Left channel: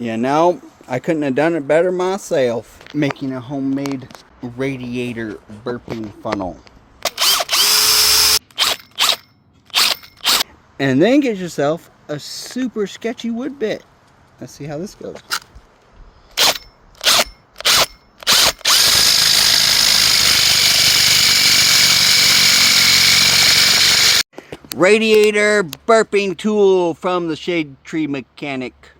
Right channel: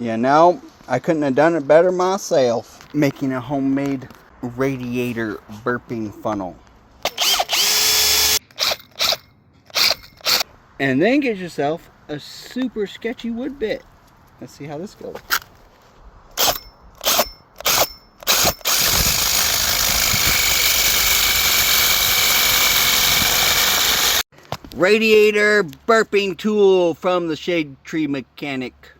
You know, I couldn't have done it better myself, making a homemade radiator burping funnel. And then get yourself a super sketchy wood bit. Let's see how this goes. Radiator burping tool from the Shade Tree Mechanic.